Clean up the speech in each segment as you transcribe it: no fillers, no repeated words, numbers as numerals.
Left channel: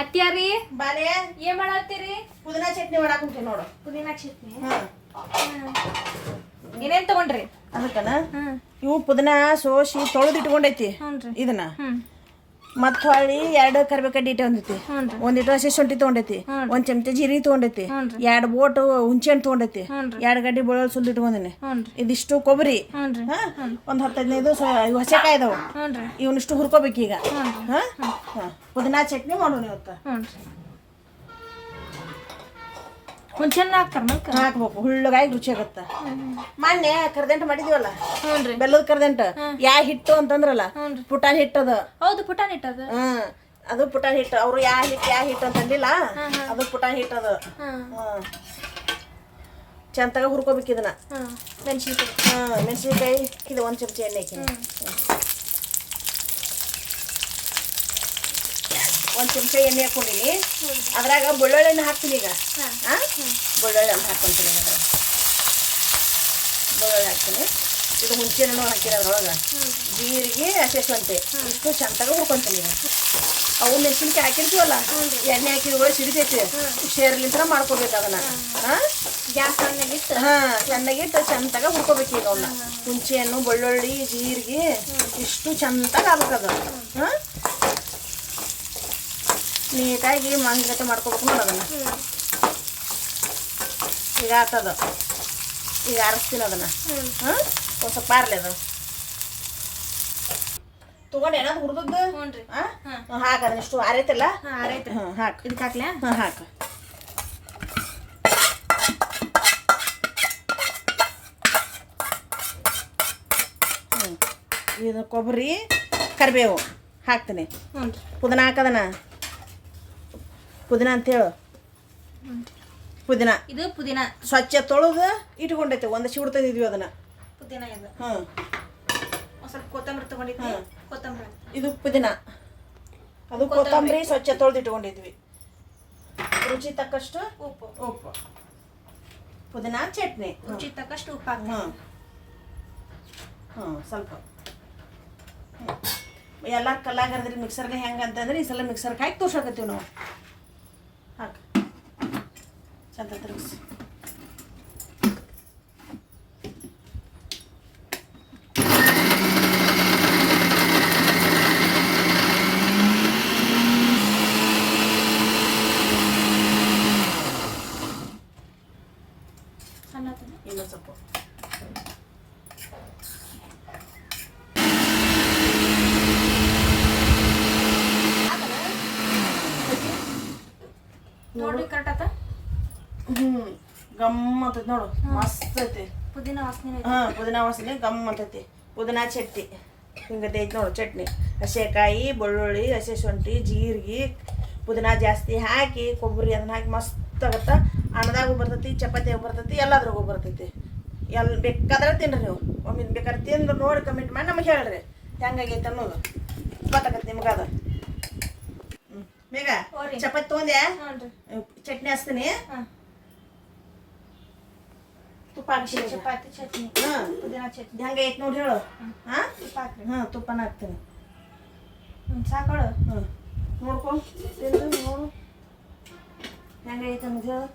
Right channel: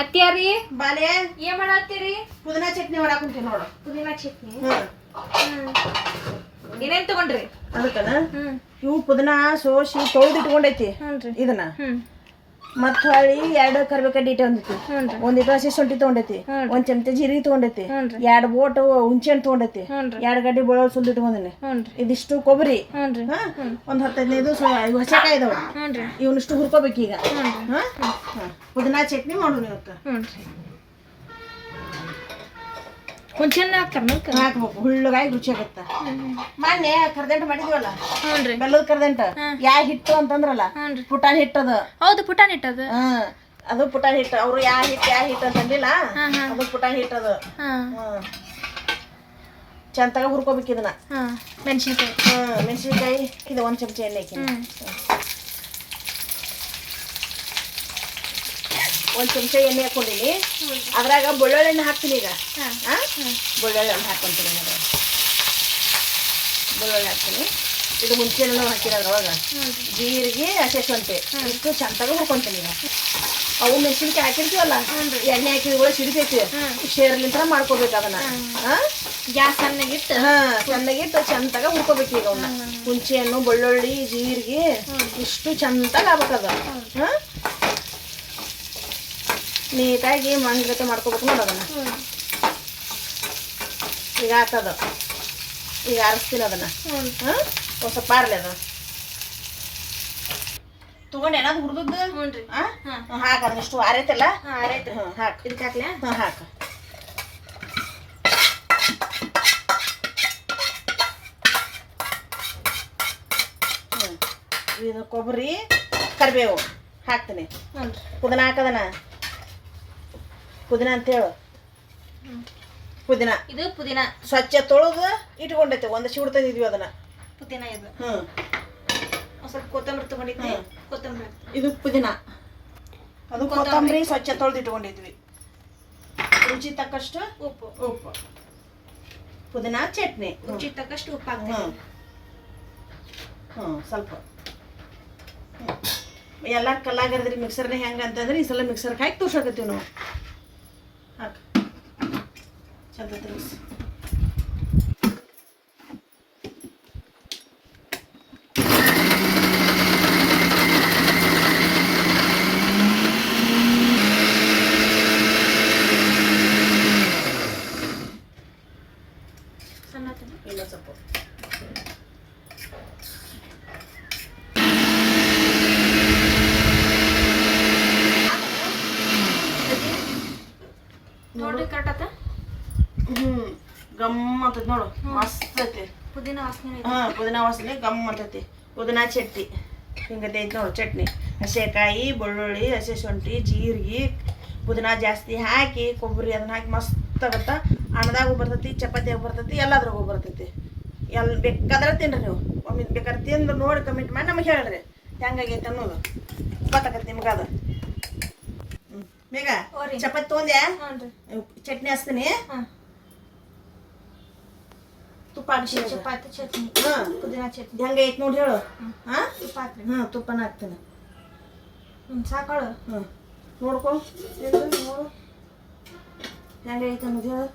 ಅತ್ಯಾರಿ ಬಾಲೆ ಏನ್ ಮಾಡತ್ತೀರಿ? ಪುದೀನಾ ಚಟ್ನಿ ಮಾಡಾಕುಂತೀನಿ ನೋಡು. ಪುದೀನಾ ಚಟ್ನಿ. ಏನೇನ್ ತಗೊಂಡ್ರಿ? ಅದಕ್ಕನ ಇವು ಪುದೀನಾ ಸೋಸಿ ತೊಳೆದು ಇಟ್ಕೊಂಡೈತಿ ಇದನ್ನ. ಮತ್ತ ಹೊಳ್ಳಿ 2 ಕರಿಬೇಕಡ್ಡಿ ಇಟ್ಟೊಂದೈತಿ, 1 ಇಟ್ಟು ಹಸಿ ಶುಂಠಿ ತಗೊಂಡೈತಿ, 1 ಚಮಚ ಜೀರಿಗೆ ತಗೊಂಡೈತಿ, 2 ಬೋಟ್ ಹುಂಚೆಹಣ್ಣು ತಗೊಂಡೈತಿ, 2 ಗಡ್ಡಿ ಬೆಳ್ಳುಳ್ಳಿ ಸುಲ್ದು ಇಟ್ಕೊಂಡಿನಿ, ಇದಿಷ್ಟು ಕೊಬ್ಬರಿ, 10-15 ಹಸೆಕಾಯಿ ಇದಾವ. ಇವನಿಷ್ಟು ಹುರ್ಕೋಬೇಕು ಈಗ. ಪುದೀನಾ ಚಟ್ನಿ ಮಾಡೋಣ ಇವತ್ತು. ಹುಂಚೆಹಣ್ಣು ಹಾಕ್ಬೇಕು, ಹುಳ್ಳಗಾಗಿ ರುಚಿ ಆಗತ್ತ. ಮೊನ್ನೆ ಕರ್ದಂಟು ಮಾಡಿದ್ವಲ್ಲ, ಬೆಲ್ಲದ ಕರ್ದಂಟ, ಯಾ ಹಿಟ್ಟು ಅಂತಂದ್ರಲ್ಲ, ಪುಟಾಣಿ ಹಿಟ್ಟದ. ಹೌದು, ಪುಟಾಣಿ ಹಿಟ್ಟದ. ಅದು ಪುಟಾಣಿ ಹಿಟ್ಟು. ಅವ್ರು ಯಾ ಹಿಟ್ಟು ಅಂತಂದಿಲ್ಲ, ಅದು ಪುಟಾಣಿ ಹಿಟ್ಟದ. ಚಂತಾಗ ಹುರ್ಕೋಬೇಕು ಇದನ್ನ. ಮೆಣಸಿನ್ಕಾಯಿ ಇದು 1 ಚಮಚ ಎಣ್ಣೆ ಹಾಕಿನಿ. 1 ಚಮಚ ಎಣ್ಣೆ ಹಾಕೊಂಡಿನಿ. ಅದ್ರಾಗ ಬೆಳ್ಳುಳ್ಳಿ ಹಣ್ಣು ಹಾಕ್ತೀನಿ ಈಗ. ಬೆಳ್ಳುಳ್ಳಿ ಹಣ್ಣು ಹಾಕ್ಕೊಂತೀನಿ. ಬೆಳ್ಳುಳ್ಳಿ ಹಾಕ್ತೀನಿ. ಇದು ಹುಂಚೆಹಣ್ಣು ಹಾಕಿರೋ ಅದ್ರೊಳಗೆ, ಜೀರಿಗೆ, ಹಸಿ ಶುಂಠಿ ಇಷ್ಟು ಚಂತಾಗ ಹುರ್ಕೊಂತೀನಿ ಈಗ. ಅವು ಮೆಣಸಿನ್ಕಾಯಿ ಹಾಕಿರ್ತೀವಲ್ಲ, ಎಣ್ಣೆ ಹಾಕಿದ್ಗಳು ಸಿಡಿತೈತಿ, ಶೇರ್ಲಿಂತ್ರ ಮಾಡ್ಕೋಬೇಕು ಅದನ್ನ. ಗ್ಯಾಸ್ ಸಣ್ಣಗಿಟ್ಟು ಚೆನ್ನಾಗಿಟ್ಟು ಚಂತಾಗ ಹುರ್ಕೋಬೇಕು ಈಗ ಅವನ್ನ. ಹುಂಚೆಹಣ್ಣು, ಬೆಳ್ಳುಳ್ಳಿ, ಜೀರಿಗೆ ಇಷ್ಟು ಚಂತಾಗ ಆಗ್ಬೇಕದ. ನೀಟಾಗಿ ಮಂಗತೆ ಮಾಡ್ಕೋಬೇಕು ನೋಡಿ ಅದನ್ನ. ಈಗ ಆತದ. ಈಗ ಆರಿಸ್ತೀನಿ ಅದನ್ನ. ಒಂದು ಸ್ವಲ್ಪ ಆರ್ಲಿ ಅದು ತಗೊಂಡು ಏನಾದ್ರು ಹುರಿದದ್ದು ಹಾಕ. ಅದನ್ನ ಇಷ್ಟು ಆರೈತಲ್ಲ, ಹಾಕು. ಇದಕ್ಕೆ ಹಾಕ್ಲಾ? ಹಾಕು. ಇದು ಕೊಬ್ಬರಿ, ಕರಿಬೇವು ಹಾಕ್ತೀನಿ. ಪುದೀನ ಹಾಕದನ. ಪುದೀನ ಅಂತೇಳು. ಪುದೀನ ಇದು ಪುದೀನ ಸ್ವಚ್ಛ ತೊಳೆದು ಇಟ್ಕೊಂಡೈತೆ. 1 ಶಿವಡ್ ತಂದಿದ್ವಿ ಅದನ್ನ. ಪುದೀನ ಇದು. ಸ್ವಲ್ಪ ಕೊತ್ತಂಬರಿ ತಗೊಂಡಿದ್ವಿ. ಕೊತ್ತಂಬರಿ ಇದು ಪುದೀನ. ಅದು ಕೊತ್ತಂಬರಿ ಸ್ವಚ್ಛ ತೊಳೆದು ಇಟ್ಕೊಂಡಿದ್ವಿ. ರುಚಿ ತಕ್ಕಷ್ಟು ಉಪ್ಪು. ಪುದೀನ ಚಟ್ನಿ ರುಚಿ ತಕ್ಕಷ್ಟು ಉಪ್ಪು ಹಾಕ್ತೀವಿ. ಸ್ವಲ್ಪ ಎಲ್ಲ ಕಲ್ಲಾಗರ್ದ್ರಿ ಮಿಕ್ಸರ್ನೇ ಹೆಂಗೆ ಅಂತಂದ್ರೆ ಈ ಸಲ ಮಿಕ್ಸರ್ಗೆ ಹಾಕಿ ತೋರ್ಸಕತ್ತೀವಿ ನಾವು. ಹಾಕಿ ಚಂದ ತಿರುಗಿಸಿ. ಇನ್ನೂ ಸ್ವಲ್ಪ ನೋಡ್ರಿ, ಕರೆಕ್ಟ್ ಆತ. ಗಮ್ ಅಂತೈತಿ ನೋಡು, ಮಸ್ತ್ ಐತಿ. ಪುದೀನ ವಾಸನೆ. ಪುದೀನ ವಾಸನೆ ಗಮ್ ಅಂತೈತಿ. ಪುದೀನ ಚಟ್ನಿ ಹಿಂಗೈತಿ ನೋಡು. ಚಟ್ನಿ ಹಸೆಕಾಯಿ, ಬೆಳ್ಳುಳ್ಳಿ, ಹಸಿ ಶುಂಠಿ, ಜೀರಿಗೆ, ಪುದೀನ ಜಾಸ್ತಿ ಹಾಕಿ, ಕೊಬ್ಬರಿ ಅದನ್ನ ಹಾಕಿ ಮಸ್ತ್ ಆಗತ್ತ. ಅನ್ನದಾಗೂ ಬರ್ತೈತಿ, ಚಪಾತಿಯಾಗ ಬರ್ತೈತಿ, ಎಲ್ಲದ್ರಾಗೂ ಬರ್ತೈತಿ. ಬೇಕಾದ್ರೆ ತಿನ್ರಿ ನೀವು. ಒಮ್ಮೆ ಬೇಕಾದ್ರೆ ತಿಂದು ನೋಡಿ ಕಮೆಂಟ್ ಮಾಡಿ ನಮಗೆ ಹೇಳ್ರಿ ಹೆಂಗಾಗೈತೆ ಅನ್ನೋದು. ಗೊತ್ತಾಗತ್ತೆ ನಿಮ್ಗೆ ಅದು. ಬೇಗ ಚಪಾತಿ ತೊಗೊಂಡ್ಯಾ? ಚಟ್ನಿ ಹಚ್ತೀನಿ. ತುಪ್ಪ ಹಾಕಿ ಚಪಾತಿ ಚಟ್ನಿ, ಪುದೀನ ಚಟ್ನಿ ಹೆಂಗೈತೆ ನೋಡಿ ಹೇಳು. ತುಪ್ಪ ಹಾಕ್ರಿ. ತುಪ್ಪನ ಹಾಕ್ತೀನಿ. ಸಾಕಾಳು. ನೋಡ್ಕೊ, ನೋಡು ಹೆಂಗೈತೆ ಅನ್ನೋದು ಹೇಳು.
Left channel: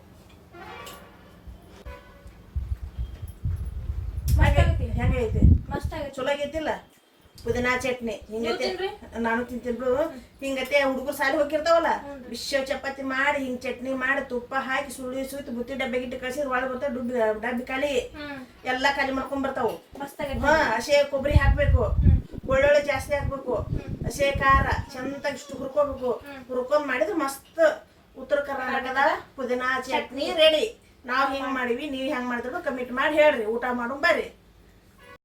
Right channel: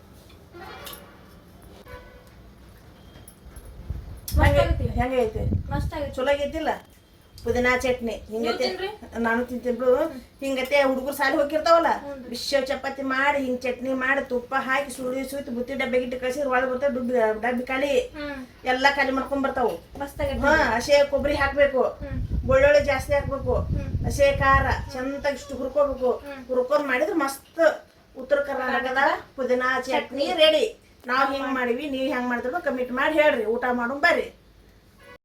ಹೆಂಗೈತೆ? ಮಸ್ತ್ ಆಗೈತೆ. ಚಲೋ ಆಗೈತಿಲ್ಲ ಪುದೀನ ಚಟ್ನಿ. ಹಿಂಗತೆ ನಾನು ತಿಂತೀನಿ ಬಿಡು. ಹಿಂಗತೆ ಹುಡುಗರು ಸಾಲಿ ಹೋಗಿರ್ತಾವಲ್ಲ, ಬಿಸಿ ಚಪಾತಿ ಮಾಡಿ ಹಿಂಗ್ ಚಟ್ನಿ ಮಾಡಿ ತುಪ್ಪ ಹಾಕಿ ಸುಯ್ತು ಬುತ್ತಿ ಡಬ್ಬಿಗಿಟ್ಟು ಕಳ್ಸಿದ್ರೆ ಒಳಗೆ ಬರ್ತಾವ. ಡಬ್ಬಿ ಖಾಲಿ ಎಲ್ಲ ಖಾಲಿ ಮಾಡ್ಕೊಂಡ್ ಬರ್ತಾವು. ಹಸೆ ಕೊಬ್ಬರಿ ಹಾಕ್ಬೇಕು, ಬೆಳ್ಳುಳ್ಳಿ ಜಾಸ್ತಿ ಹಾಕ್ಬೇಕು, ಹಸೆ ಖಾರ ಚಂದಾಗಿ ಇಷ್ಟು ಹುರ್ಕೋಬೇಕು. ಹುರ್ಕೊಂಡ್ ಮಾಡಿದ್ರೆ ಮಸ್ತ್ ಉತ್ತರ ಕರ್ನಾಟಕದ ಪುದೀನ ಚಟ್ನಿ ರೆಡಿ. ನಾವ್ ಹಿಂಗ್ ಮಾಡಿವಿ, ನೀವ್ ಹೆಂಗ್ ಮಾಡ್ತೀವಿ ಕಮಿಟ್ ಮಾಡಿ ಹೇಳ್ರಿ. ಊಟ ಮಾಡೋಣ ಬರ್ರಿ.